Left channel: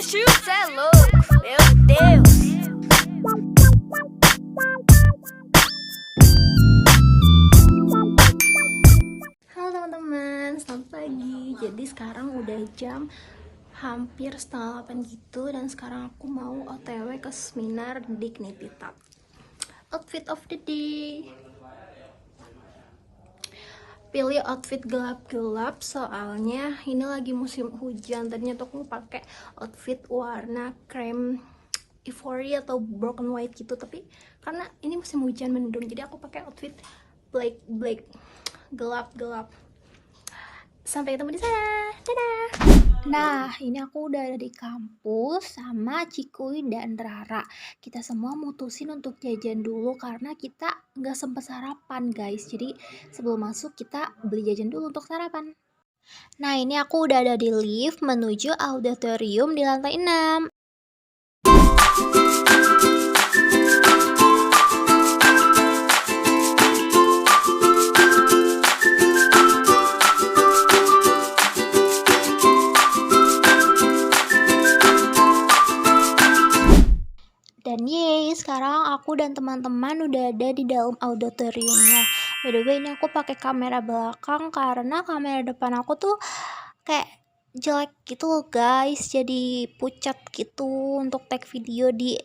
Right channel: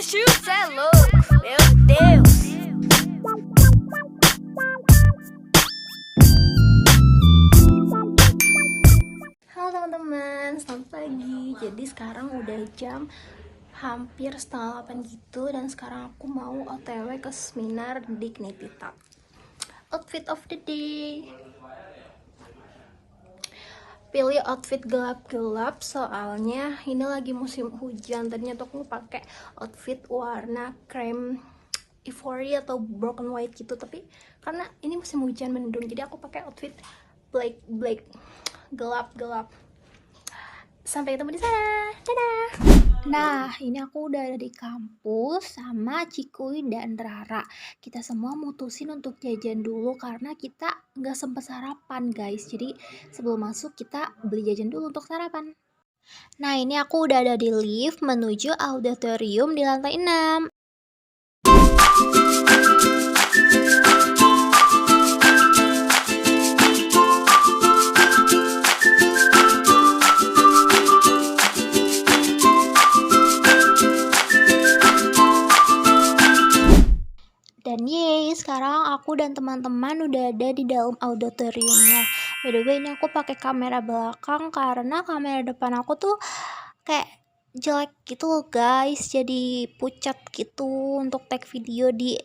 meus shoes, cê é louco, meu Deus. Halo teman-teman, selamat pagi. Jadi sekarang udah jam hampir setengah 8 gitu, dan sekarang aku mau OTW ke seminar di Dignity Talk. Outfit of the day. Pilih outfit gelap-gelap soalnya ini lagi musim hujan. Tadinya tuh aku pakai outfit warna krem ivory atau broken white gitu, tapi karena ini musim hujan mendung, jadi aku pakai outfit black gelap-gelap. Sampai ketemu di sana. Dadah. Nah, ini aku udah ada di kampus sama Cikuy dan Rara. Kita semua mutusin untuk jajan dulu karena kita nggak sempet sarapan, guys. Jadi sebelum masuk kita beli jajan dulu untuk sarapan. Nah, ini aku udah ada di lift menuju auditorium di lantai 6. Dan yeay, sekarang aku dan teman-teman udah ada di dalam auditoriumnya. By the way, ini aku pakai kamera belakang karena kamera depan aku tuh kayak jelek gitu loh guys. Jadi pucat gitu untuk take video di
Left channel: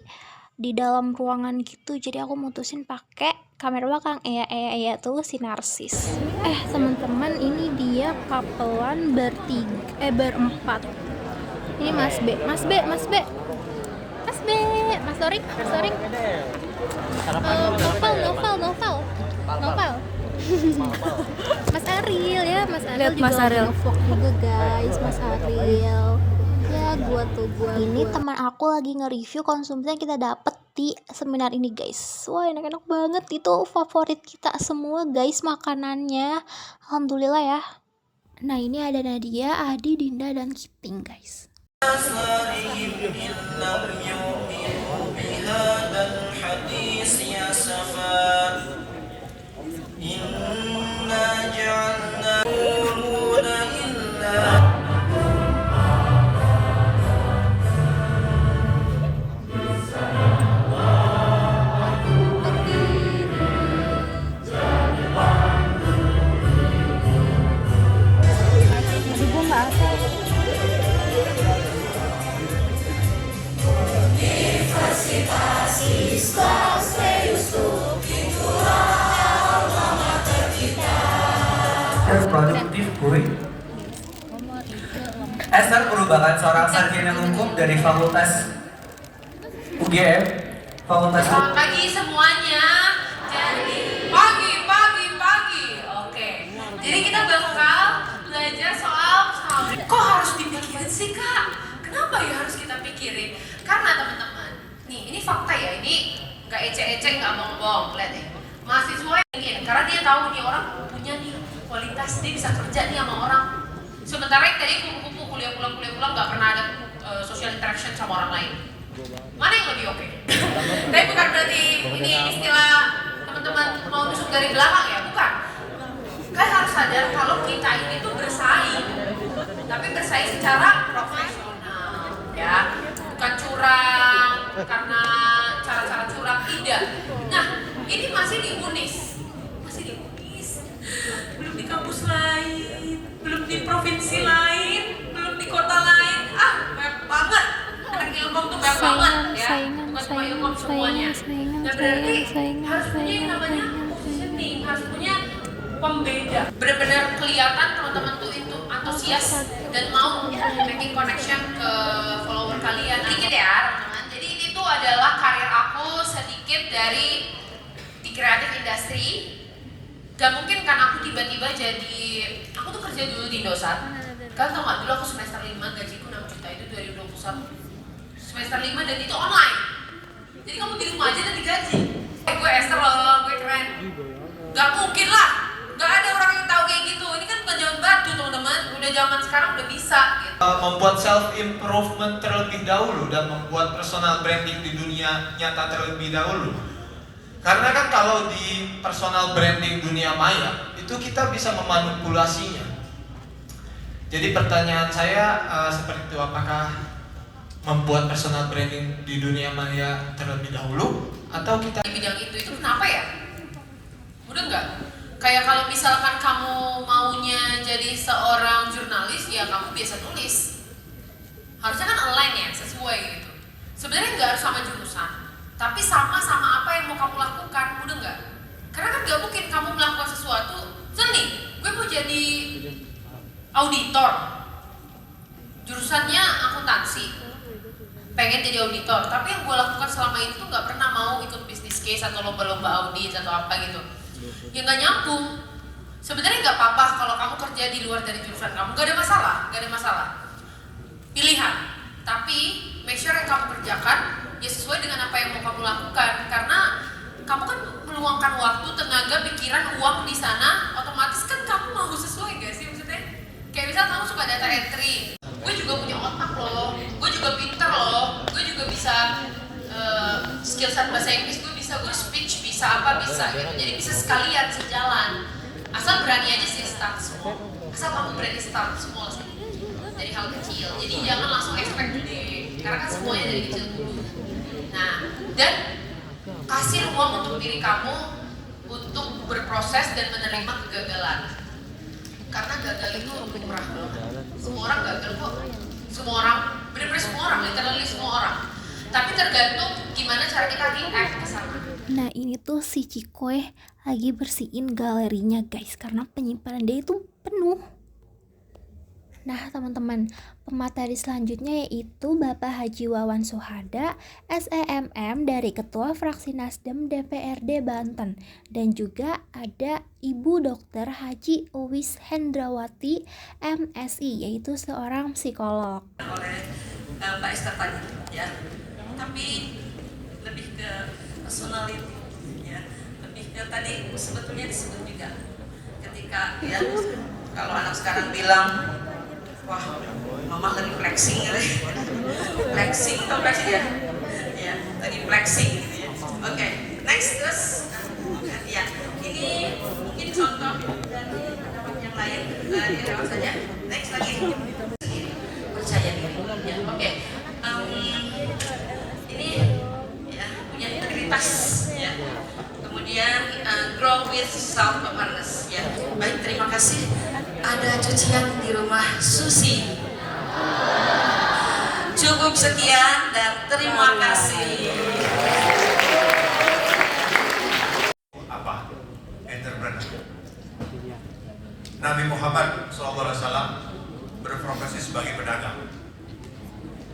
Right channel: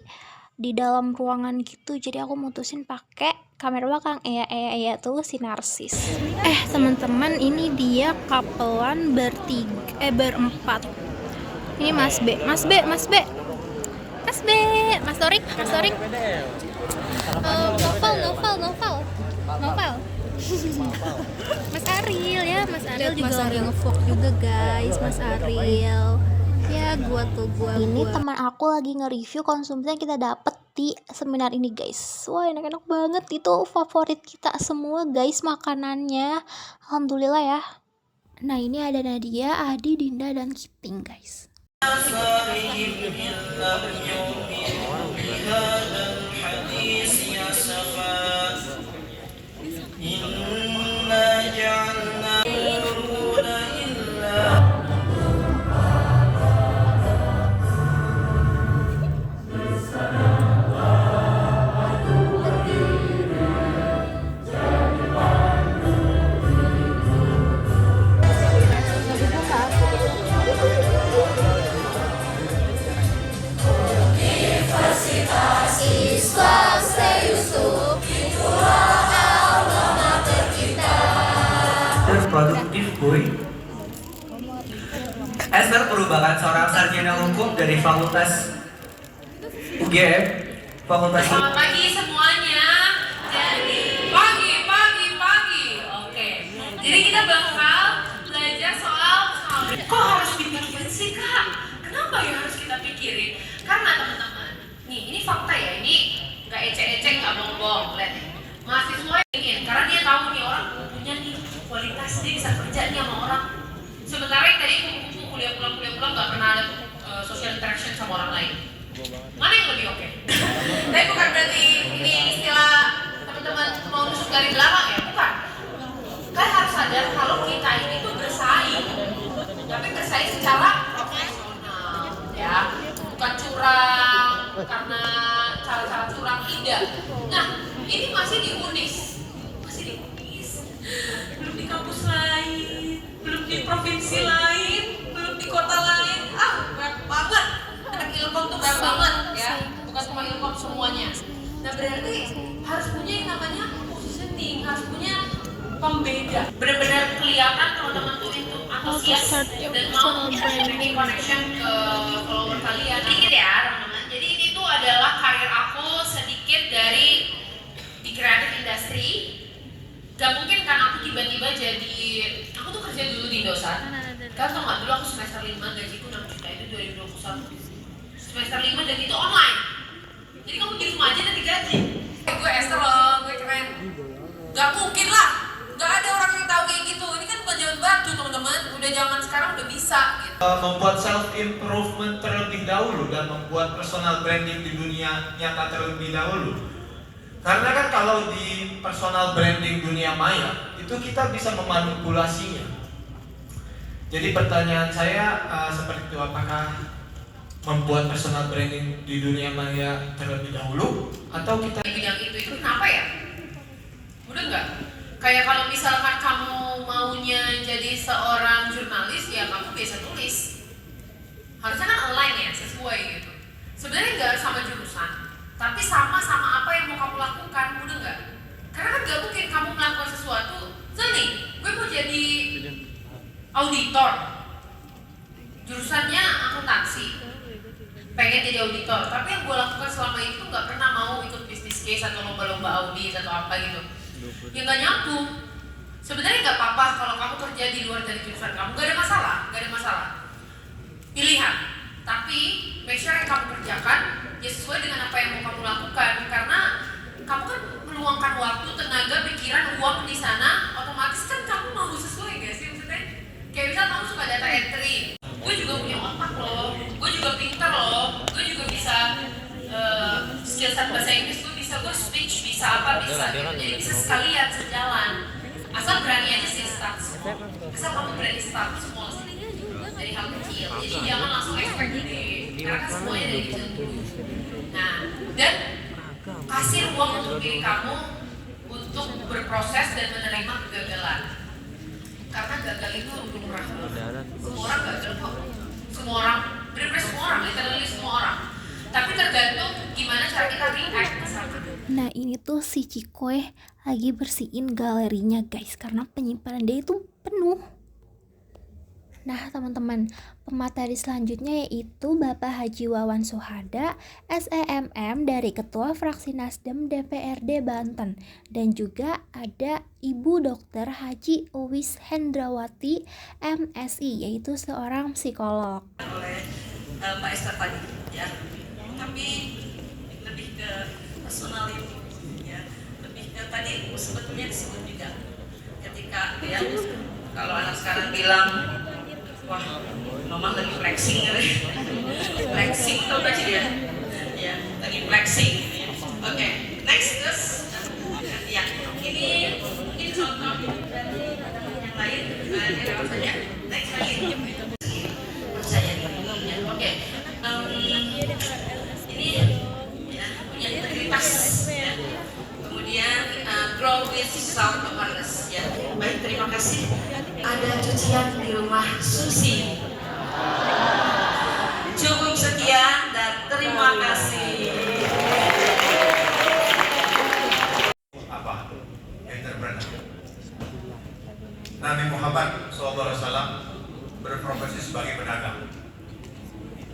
dalam ruangan gitu. Jadi aku mutusin pakai kamera belakang. Tuh si narsis. Teman-teman, ini dia kapelan berempat. Ini Mas B, Mas B, Mas B. Mas B, Mas Torik. Novel. Mas Ariel ya, Mas Ariel juga lagi nge-vlog juga guys, Mas Ariel. Ya, gua. Ini teman aku lagi nge-review konsumsi yang kita dapet di seminar ini guys. Wah, enak-enak banget, itu favorit kita semua guys makanannya. Alhamdulillah ya. Nah, ini ada Nadia, Adi, Dinda, dan Kiting guys. Produktif boy. Esther merupakan seorang sarjana hukum dari Fakultas UGM. Selamat pagi semuanya. Jadi pagi. Oke. Jadi kita bakal belajar soal kok harus dipikirin sih kak? Kenapa ya harus kita pikirin? Karena teman-teman, nih ini fakta ya, ini nggak ecek-ecek, nggak bohong-bohong. Lihat nih, mahasiswa yang ingin, karena dia tahu nih orang punya nih kualitas, dia bisa kerja nih sama orang. Sementara yang tadi kupu-kupu kuliah pulang nggak pernah ada social interaction sama orang lain. Mana yang lebih oke? Tapi bukan berarti ini istilah teman-teman mau nusuk dari belakang ya, bukan. Kan harus sadar kalau kita ini tuh bersaing, tapi bersaing secara profesional, ya, bukan curang karena cara-cara curang, tidak. Nah, ini masih di UNIS, belum di kampus lain, belum di provinsi lain, belum di kota lain. Banyak banget. Anak ilmu tuh banyak banget ya, bukan cuma ilmu semuanya. Nah, berarti harus punya yang namanya positioning, harus punya pembeda. Benar-benar kelihatan teman-teman tuh itu antusias dan mau making connection ke follower kalian. Sedikit ya teman-teman. Jadi ini tuh adalah karir aku sedikit dari di creative industry. Gak mungkin kan aku tiba-tiba jadi, aku tuh kerja dulu di Indosat. Kan tau gak, dulu aku semester 5, gajiku 6 juta, itu 2021. Semester 5 dan itu online. Jadi kamu di rumah aja dan digaji. Gue Esther loh, gue keren. Gak mungkin lah, gak ada orang yang tahu kayak gitu. Ini kan bukan zaman batu teman-teman, udah zaman sekarang udah bisa gitu. Membuat self improvement terlebih dahulu dan membuat personal branding di dunia nyata terlebih dahulu. Karena kan kalau di personal branding dunia maya itu kita bisa memanipulasinya. Jadi pertanyaan saya seperti itu, apakah membuat personal branding di dunia maya terlebih dahulu, atau kita di bidang itu kenapa ya? Udah nggak? Kayak kalau misalkan kamu maunya jadi seorang jurnalis, ya kamu biasa nulis. Harusnya kan align ya, sesuai gitu. Sebenarnya nggak harus sama jurusan, tapi sama apa yang mau kamu lakukan, udah nggak? Karena kan nggak mungkin kamu melakukan sesuatu, nih, gue mau jadi auditor, jurusannya akuntansi, pengen jadi auditor, tapi yang gue lakukan selama itu tuh nggak pernah mau ikut bisnis case atau lomba-lomba audit atau apa gitu, ya nggak nyambung. Sebenarnya nggak apa-apa kalau kamu kerja di luar dari jurusan kamu, nggak ada masalah, pilihan. Tapi make sure yang kamu kerjakan ya sesuai dengan apa yang mau kamu lakukan, karena kamu kan meluangkan waktu, tenaga, pikiran, uang di sana, otomatis kan kamu mau sesuai gak sih maksudnya? Kayak misal kamu suka data entry, gue juga punya otak loh, gue juga pinter loh, gue juga bisa skill set bahasa Inggris gue bisa, gue speech bisa apa bisa gitu, jadi bisa sekalian sejalan. Asal berani aja sih start small, asal kamu berani start small sih, dari hal kecil. Jadi jangan langsung expect gede, karena kan semuanya dari kecil dulu. Nah, dan kasih ruang untuk diri kamu untuk berproses dan menerima kegagalan. Karena gagal itu lumrah. Semua orang gagal kok. Semua orang, benar-benar semua orang, literally semua orang. Tapi tergantung gimana cara kita react ke sana. Nah ini tuh si Cikoy lagi bersihin galerinya guys, karena penyimpanan dia itu penuh. Nah teman-teman, pemateri selanjutnya yaitu Bapak Haji Wawan Suhada, SEMM dari Ketua Fraksi Nasdem DPRD Banten. Dan juga ada Ibu Dr. Haji Uwis Hendrawati, MSI, yaitu seorang psikolog. Oleh Mbak Esther tadi ya, tapi lebih ke personality ya, lebih ke tadi sebetulnya disebut juga ketika ya, kalau anak sekarang bilang wah, mama lagi flexing gitu ya. Flexing atau flexing ya? Ya, lagi flexing gitu ya. Oke, next terus ya, ini mungkin contoh dari yang lain yang lewat saja. Next lagi, percaya diri ya. Oke, ini ya punya integritas ya. Kemudian grow with self awareness ya. Baik, terima kasih. Ada cucian di rumah Susi. Cukup sekian dan terima kasih. Apa? Entrepreneur. Nabi Muhammad SAW berprofesi sebagai pedagang.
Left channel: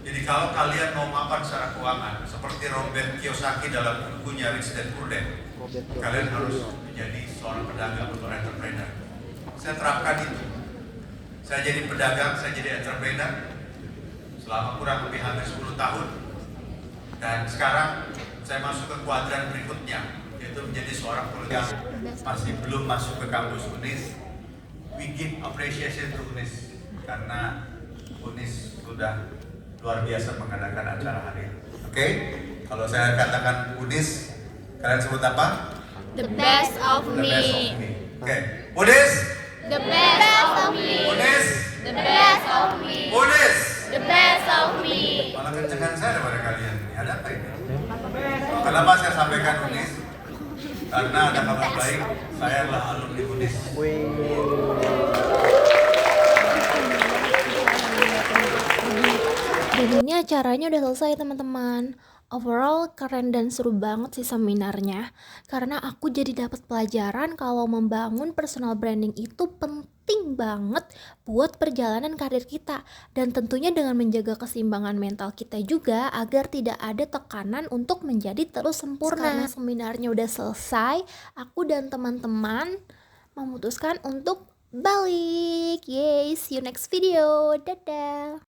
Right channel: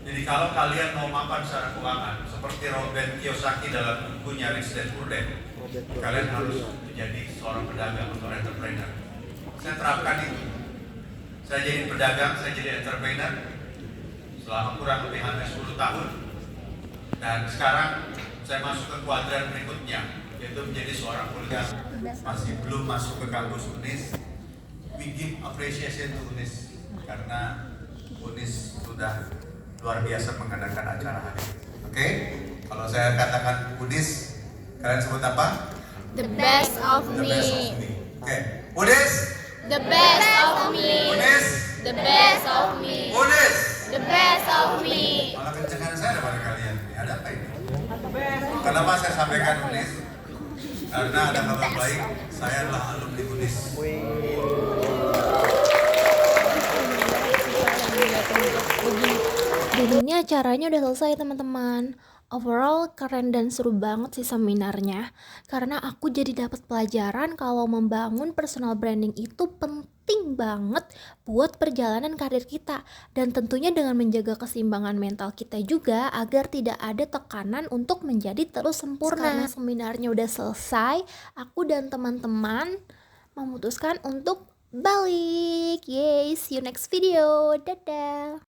Jadi kalau kalian mau mapan secara keuangan, seperti Robert Kiyosaki dalam bukunya Rich Dad Poor Dad, kalian harus menjadi seorang pedagang atau entrepreneur. Saya terapkan itu. Saya jadi pedagang, saya jadi entrepreneur selama kurang lebih hampir 10 tahun. Dan sekarang saya masuk ke kuadran berikutnya, yaitu menjadi seorang kuliah. Masih belum masuk ke kampus UNIS. We give appreciation to UNIS karena UNIS sudah luar biasa mengadakan acara hari ini. Oke? Kalau saya katakan UNIS, kalian sebut apa? The best of The best of me. me. Oke. UNIS. The best of me. UNIS. The best of me. UNIS. The best of me. Malah kencengan saya daripada kalian. Ada apa ini? Kenapa saya sampaikan UNIS? Karena ada kabar baik, saya adalah alumni UNIS. Dan ini acaranya udah selesai teman-teman. Overall keren dan seru banget sih seminarnya, karena aku jadi dapat pelajaran kalau membangun personal branding itu penting banget buat perjalanan karir kita, dan tentunya dengan menjaga keseimbangan mental kita juga agar tidak ada tekanan untuk menjadi terus sempurna. Karena seminarnya udah selesai, aku dan teman-teman memutuskan untuk balik. Yay, see you next video. Dadah.